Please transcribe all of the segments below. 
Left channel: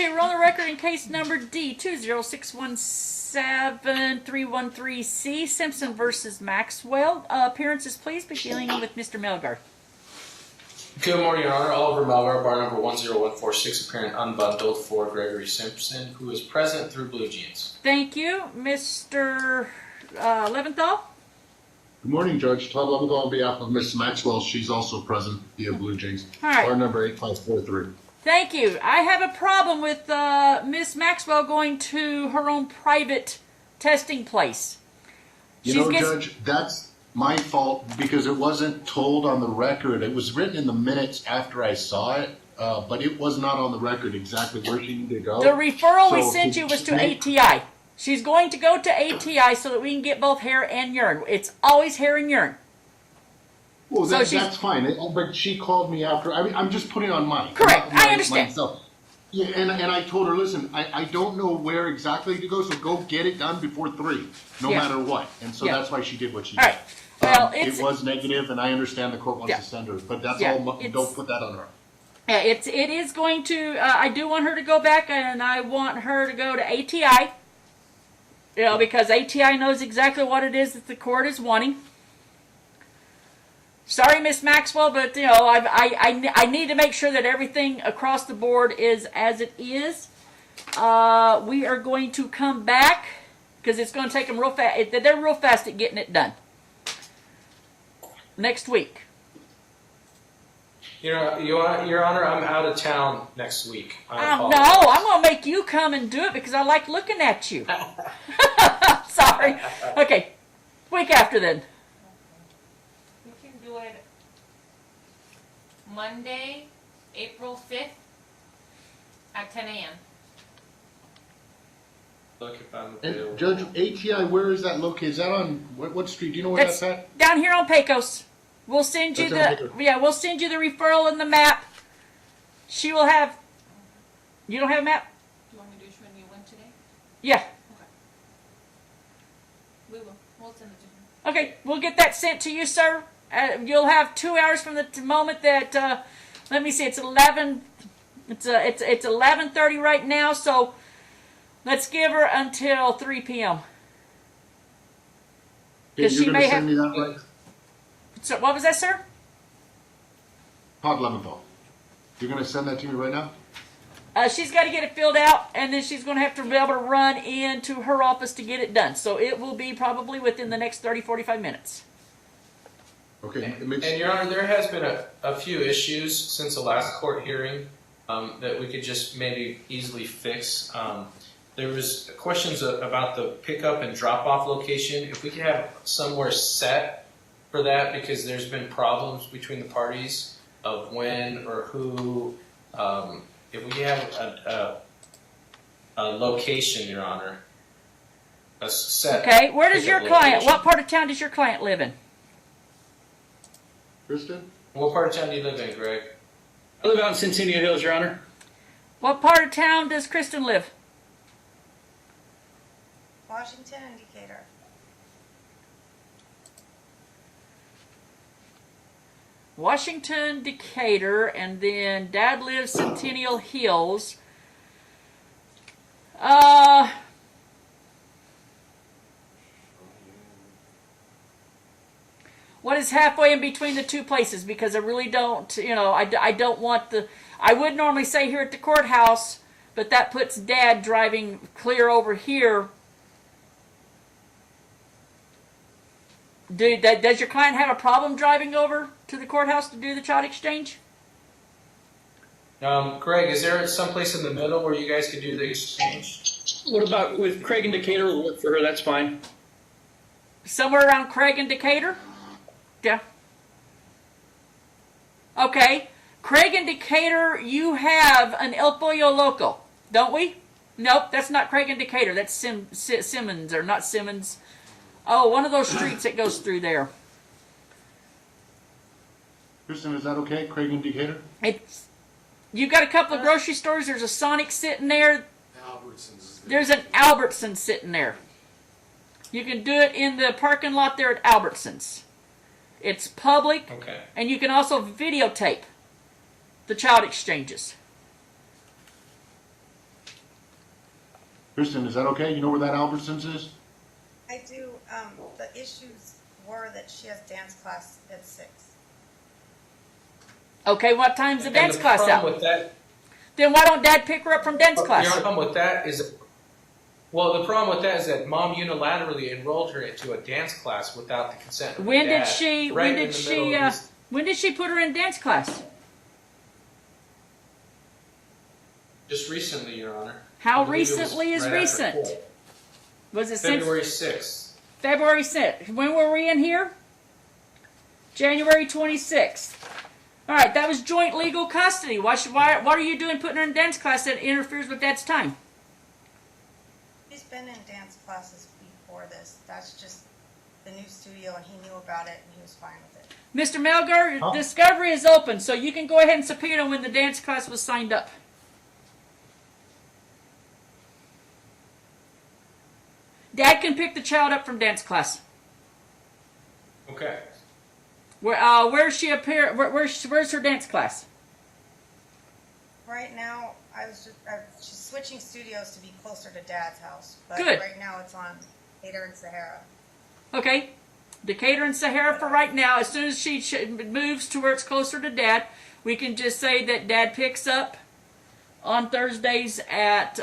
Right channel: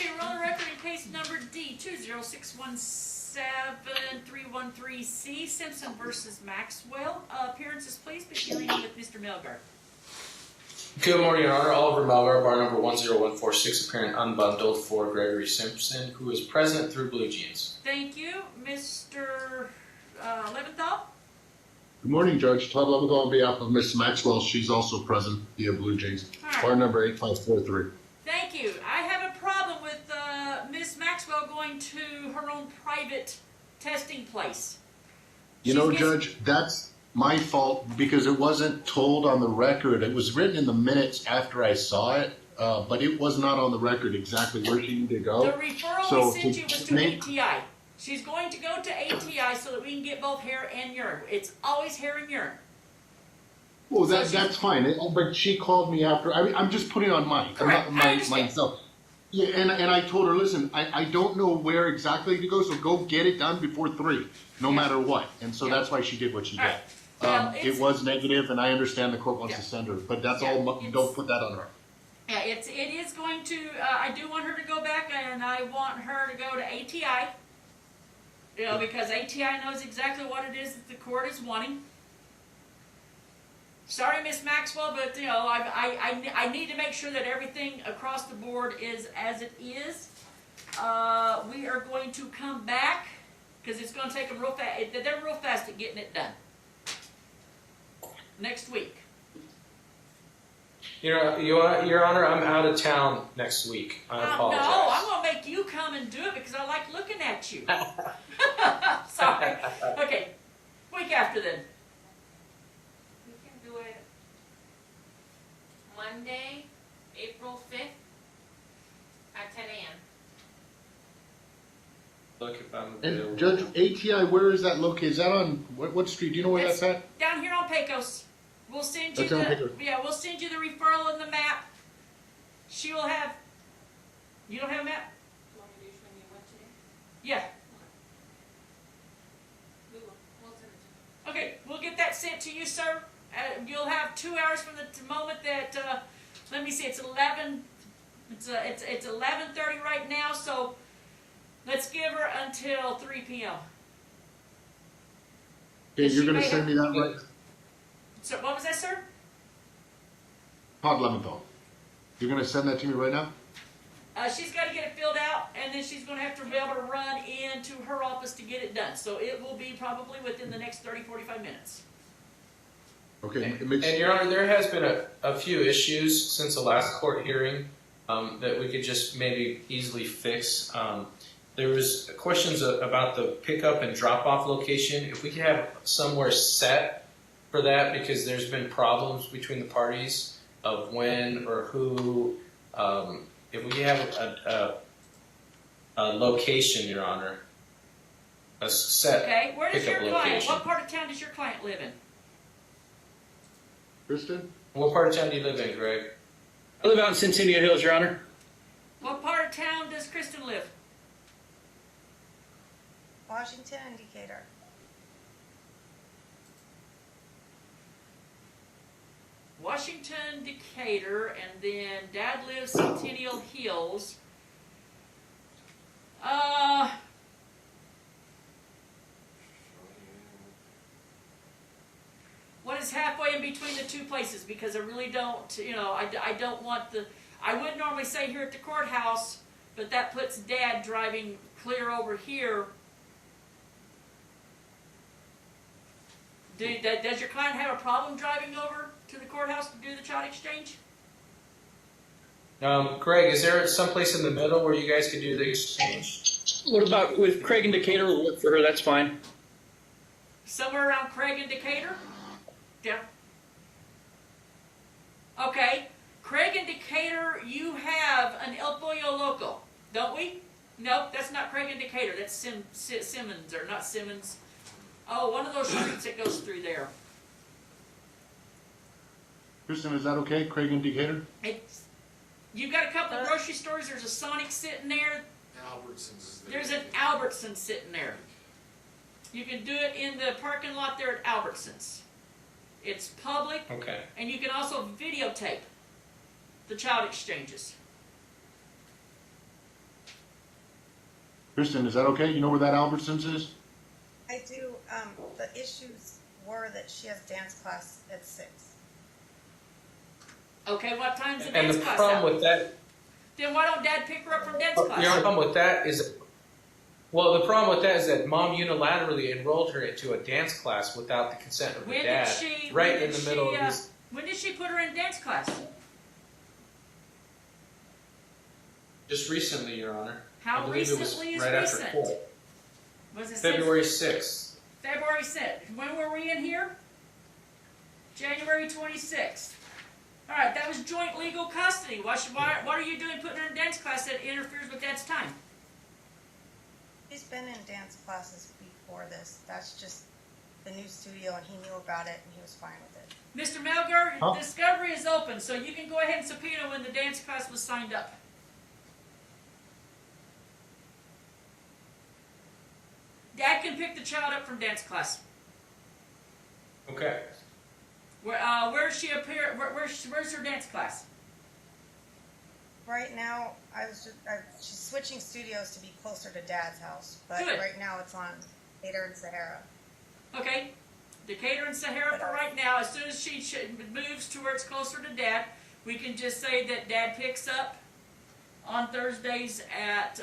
Okay, we're on the record in case number D20617-313C, Simpson versus Maxwell. Appearances, please, beginning with Mr. Melgar. Good morning, Your Honor. Oliver Melgar, bar number 10146, appearing unbundled for Gregory Simpson, who is present through Blue Jeans. Thank you. Mr. Leventhal? Good morning, Judge. Todd Leventhal on behalf of Miss Maxwell. She's also present via Blue Jeans. All right. Bar number 8543. Thank you. I have a problem with Miss Maxwell going to her own private testing place. Judge, that's my fault because it wasn't told on the record. It was written in the minutes after I saw it, but it was not on the record exactly where she needed to go. The referral we sent you was to ATI. She's going to go to ATI so that we can get both hair and urine. It's always hair and urine. Well, that's fine. But she called me after. I mean, I'm just putting on mine. Correct. I understand. Myself. Yeah, and I told her, listen, I don't know where exactly to go, so go get it done before 3, no matter what. And so that's why she did what she did. Right. Well, it was negative, and I understand the court wants to send her, but that's all. Don't put that on her. Yeah, it is going to. I do want her to go back, and I want her to go to ATI. Because ATI knows exactly what it is that the court is wanting. Sorry, Miss Maxwell, but I need to make sure that everything across the board is as it is. We are going to come back because it's going to take them real fast. They're real fast at getting it done. Next week. Your Honor, I'm out of town next week. I apologize. No, I'm going to make you come and do it because I like looking at you. Sorry. Okay, week after then. Monday, April 5th at 10 a.m. Look if I'm available. And Judge, ATI, where is that located? Is that on what street? Do you know where that's at? Down here on Pecos. We'll send you we'll send you the referral and the map. She will have. You don't have a map? Do you want me to show you when today? Yeah. Okay. We will. We'll send it to you. Okay, we'll get that sent to you, sir. You'll have 2 hours from the moment that. Let me see. It's 11. It's 11:30 right now. So let's give her until 3 p.m. Okay, you're going to send me that right? So what was that, sir? Todd Leventhal. You're going to send that to me right now? She's got to get it filled out, and then she's going to have to be able to run into her office to get it done. So it will be probably within the next 30, 45 minutes. Okay. And Your Honor, there has been a few issues since the last court hearing that we could just maybe easily fix. There was questions about the pickup and drop-off location. If we could have somewhere set for that, because there's been problems between the parties of when or who. If we have a location, Your Honor, a set. Okay, where does your client? Location. What part of town does your client live in? Kristen? What part of town do you live in, Greg? I live out in Centennial Hills, Your Honor. What part of town does Kristen live? Washington and Decatur. Washington, Decatur, and then Dad lives Centennial Hills. What is halfway in between the two places? Because I really don't, I don't want I would normally say here at the courthouse, but that puts Dad driving clear over here. Does your client have a problem driving over to the courthouse to do the child exchange? Greg, is there someplace in the middle where you guys could do the exchange? What about with Craig and Decatur? We'll look for her. That's fine. Somewhere around Craig and Decatur? Yeah. Okay. Craig and Decatur, you have an El Pollo Loco, don't we? Nope, that's not Craig and Decatur. That's Simmons, or not Simmons. Oh, one of those streets that goes through there. Kristen, is that okay? Craig and Decatur? You've got a couple of grocery stores. There's a Sonic sitting there. Albertsons. There's an Albertsons sitting there. You can do it in the parking lot there at Albertsons. It's public, Okay. and you can also videotape the child exchanges. Kristen, is that okay? You know where that Albertsons is? I do, the issues were that she has dance class at 6. Okay, what time's the And dance the class problem out? with that, Then why don't Dad pick her up from dance class? the problem with that is, well, the problem with that is that Mom unilaterally enrolled her into a dance class without the consent of her When dad. did she? Right When in did the middle she? of this. When did she put her in dance class? Just recently, Your Honor. How I believe it was recently is right after recent? court. Was it February since 6th. February 6th? When were we in here? January 26th. All right, that was joint legal custody. What are you doing putting her in dance class that interferes with Dad's time? She's been in dance classes before this. That's just the new studio, and he knew about it, and he was fine with it. Mr. Melgar, Huh? discovery is open, so you can go ahead and subpoena when the dance class was signed up. Dad can pick the child up from dance class. Okay. Where's she appear? Where's her dance class? Right now, she's switching studios to be closer to Dad's house, but Good. right now it's on Hader and Sahara. Okay, Decatur and Sahara for right now. As soon as she moves to where it's closer to Dad, we can just say that Dad picks up on Thursdays at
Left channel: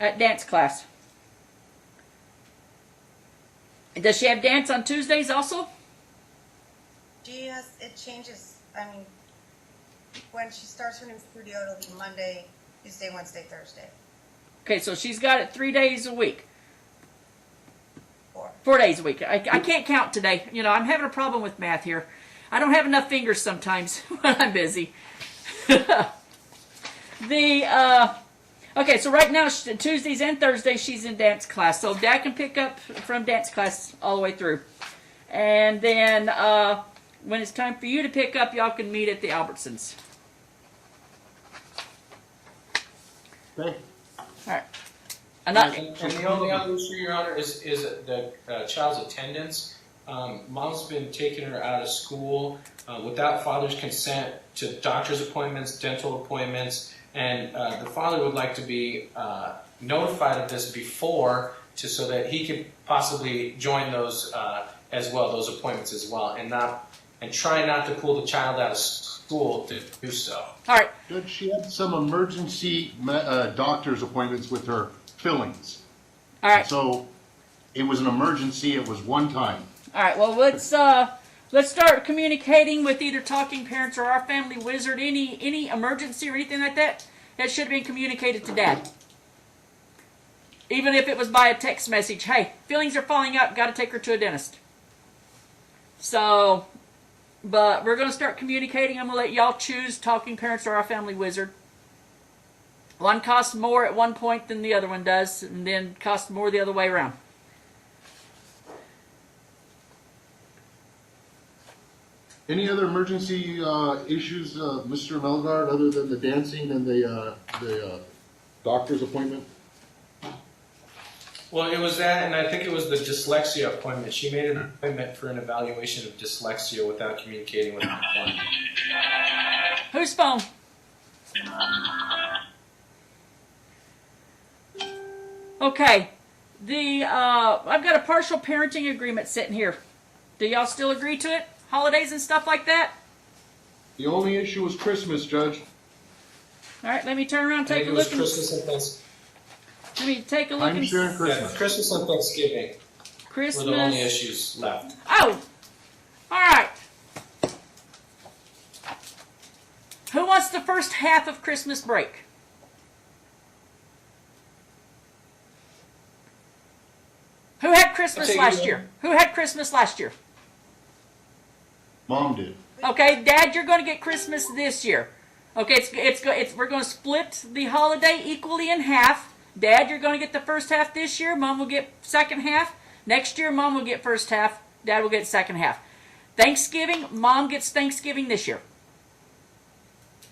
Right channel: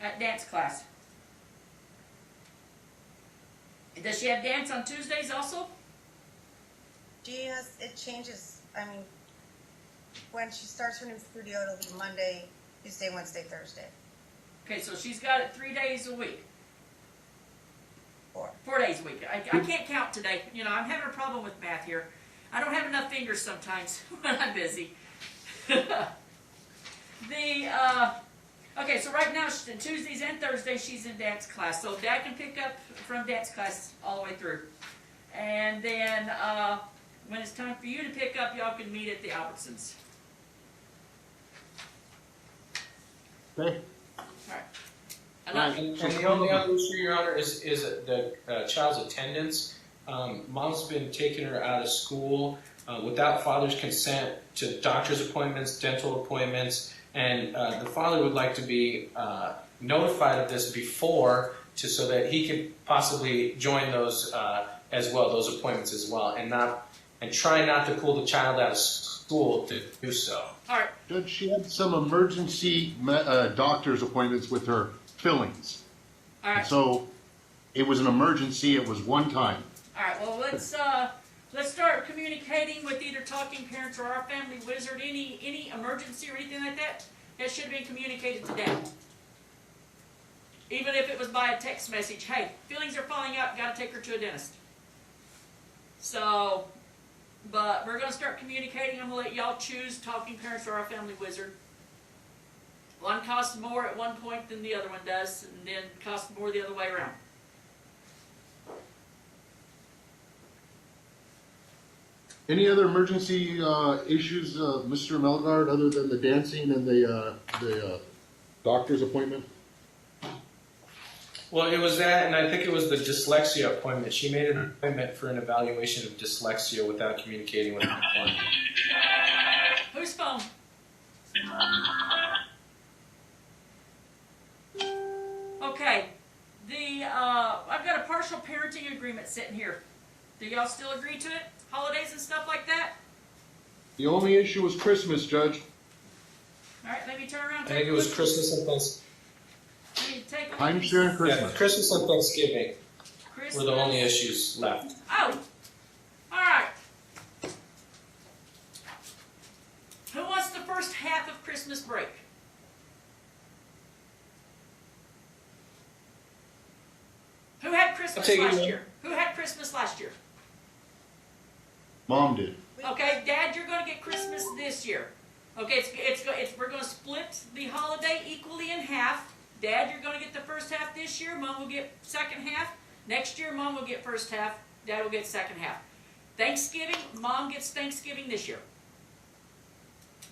dance class. And does she have dance on Tuesdays also? It changes, I mean, when she starts her new studio, it'll be Monday, Tuesday, Wednesday, Thursday. Okay, so she's got it 3 days a week. 4. 4 days a week. I can't count today. You know, I'm having a problem with math here. I don't have enough fingers sometimes when I'm busy. Okay, so right now, Tuesdays and Thursdays, she's in dance class. So Dad can pick up from dance class all the way through. And then when it's time for you to pick up, y'all can meet at the Albertsons. Okay. All right. And the only other issue, Your Honor, is the child's attendance. Mom's been taking her out of school without father's consent to doctor's appointments, dental appointments, and the father would like to be notified of this before, so that he could possibly join those as well, those appointments as well, and try not to pull the child out of school to do so. All right. Judge, she had some emergency doctor's appointments with her fillings. All right. So it was an emergency. It was one time. All right. Well, let's start communicating with either Talking Parents or our Family Wizard. Any emergency or anything like that, that should have been communicated to Dad. Even if it was by a text message. Hey, feelings are falling out. Got to take her to a dentist. So, but we're going to start communicating. I'm going to let y'all choose Talking Parents or our Family Wizard. One costs more at one point than the other one does, and then costs more the other way around. Any other emergency issues, Mr. Melgard, other than the dancing and the doctor's appointment? Well, it was that, and I think it was the dyslexia appointment. She made an appointment for an evaluation of dyslexia without communicating with the appointment. Whose phone? Okay. I've got a partial parenting agreement sitting here. Do y'all still agree to it? Holidays and stuff like that? The only issue was Christmas, Judge. All right, let me turn around and I take think a it was look. Christmas and Thanksgiving. Let me take a look. I'm sharing Yeah, Christmas. Christmas and Thanksgiving Christmas. were the only issues left. Oh! All right. Who wants the first half of Christmas break? Who had Christmas take it, last Mom. year? Who had Christmas last year? Mom did. Okay, Dad, you're going to get Christmas this year. Okay, we're going to split the holiday equally in half. Dad, you're going to get the first half this year. Mom will get second half. Next year, Mom will get first half. Dad will get second half. Thanksgiving, Mom gets Thanksgiving this year.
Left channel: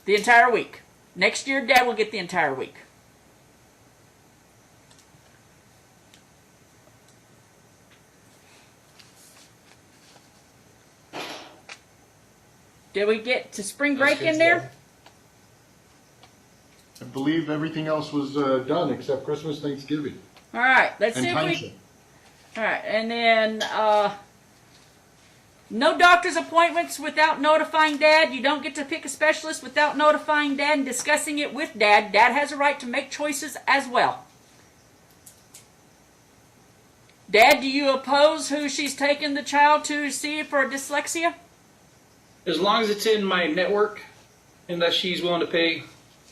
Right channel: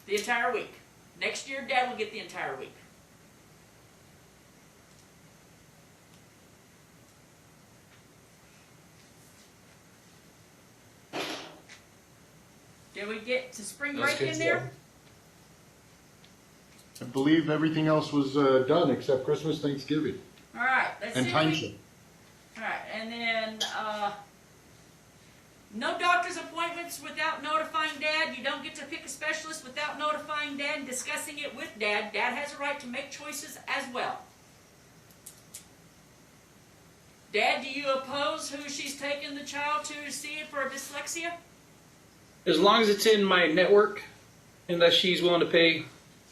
The entire week. Next year, Dad will get the entire week. Did we get to spring break That's in good there? stuff. I believe everything else was done except Christmas, Thanksgiving. All right, let's And see if we. timeshare. All right, and then no doctor's appointments without notifying Dad. You don't get to pick a specialist without notifying Dad and discussing it with Dad. Dad has a right to make choices as well. Dad, do you oppose who she's taking the child to see for dyslexia? As long as it's in my network, unless she's willing to pay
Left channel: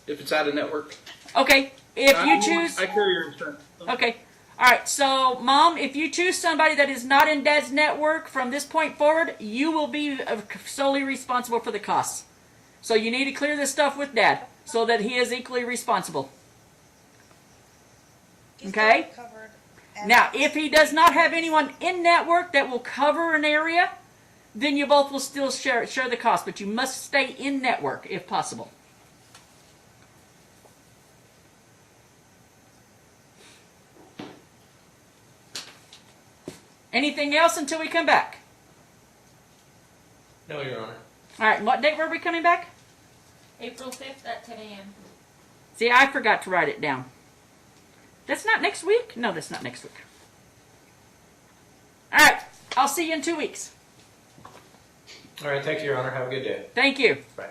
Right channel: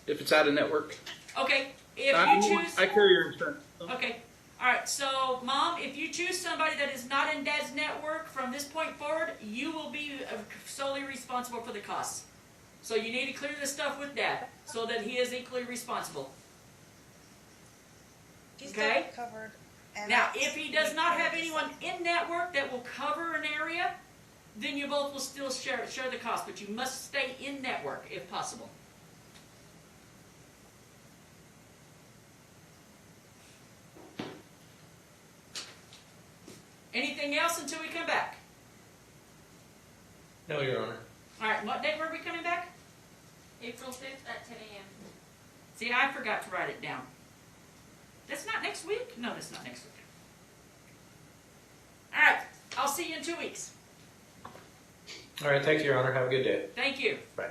if it's out of network. Okay, if you choose. I carry your insurance. Okay. All right. So, Mom, if you choose somebody that is not in Dad's network from this point forward, you will be solely responsible for the costs. So you need to clear this stuff with Dad so that he is equally responsible. She's Okay. still covered. And Now, if he does not have anyone in network that will cover an area, then you both will still share the cost, but you must stay in network if possible. Anything else until we come back? No, Your Honor. All right, what date were we coming back? April 5th at 10 a.m. See, I forgot to write it down. That's not next week? No, that's not next week. All right, I'll see you in 2 weeks. All right, thank you, Your Honor. Have a good day. Thank you. Bye.